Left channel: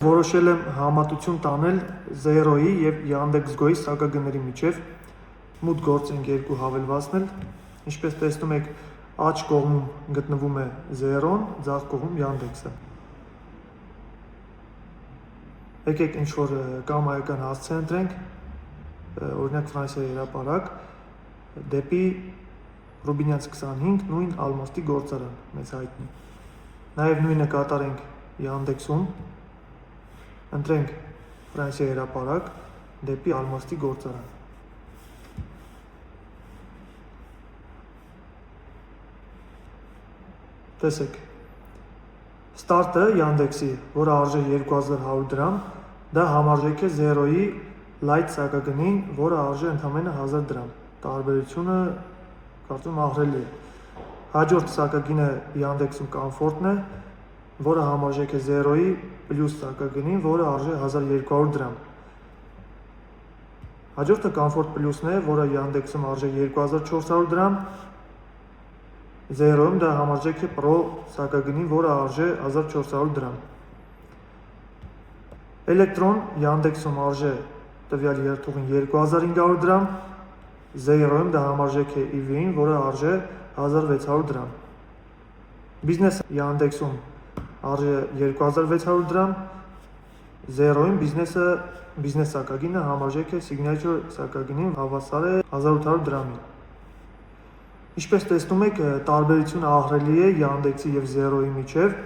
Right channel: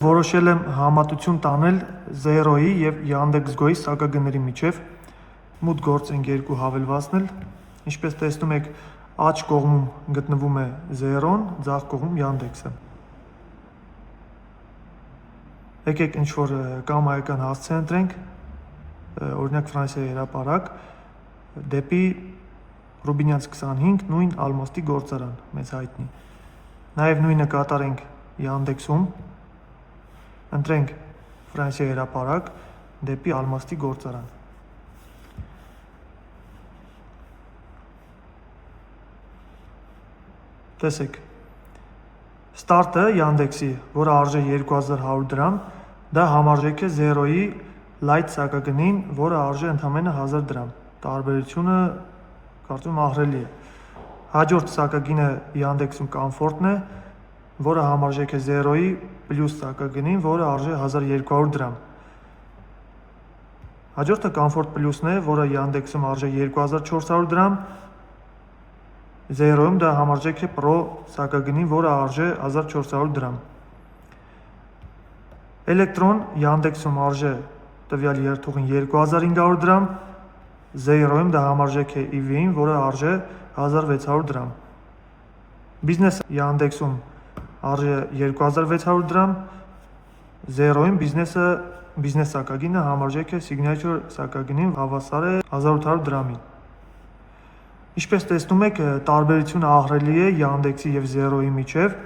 Որոշել եմ համատություն տանել 0-ի եւ Yandex.Go-ի սակագների միջև, մուտք գործենք երկու հավելվածնել, ինչպես տեսնում եք, աջ կողմում գտնվում է 0-ն, ձախ կողմում Yandex-ը։ Եկեք ինչ-որ կամայական հասցե ընտրենք, օրինակ Ֆրանսիայի հրապարակ, դեպի Ռուբինյանց 25 նույն ալմաստի գործարան, մեզ հայտնի։ Նաև նույնը կատարենք Yandex-ում, ընտրենք Ֆրանսիայի հրապարակ, դեպի ալմաստի գործարան։ Տեսեք, ստարտը Yandex-ի, որը արժե 2100 դրամ, դա համարժեք է 0-ի light սակագնին, որը արժե ընդամենը 1000 դրամ։ Տարբերությունը կարծում ահռելի է։ Հաջորդ սակագինը Yandex-ում Comfort-ն է, որը համարժեք է 0-ի պլյուս սակագնին, որը արժե 1200 դրամ։ Հաջորդը Comfort Plus-ն է, որը Yandex-ում արժե 2400 դրամ, 0-ում դա համարժեք է Pro սակագնին, որը արժե 1400 դրամ։ Electron Yandex-ում արժե տվյալ երթուղին 2500 դրամ, 0-ում դա համարժեք է EV-ին, որը արժե 1600 դրամ։ Business Yandex-ում արժե 2600 դրամ, 0-ում բիզնես սակագինը համարժեք է Signature սակագինին, հավասար է 1800 դրամի։ Ինչպես տեսնում եք, տարբերությունը ահռելի է Yandex-ի եւ 0-ի միջև,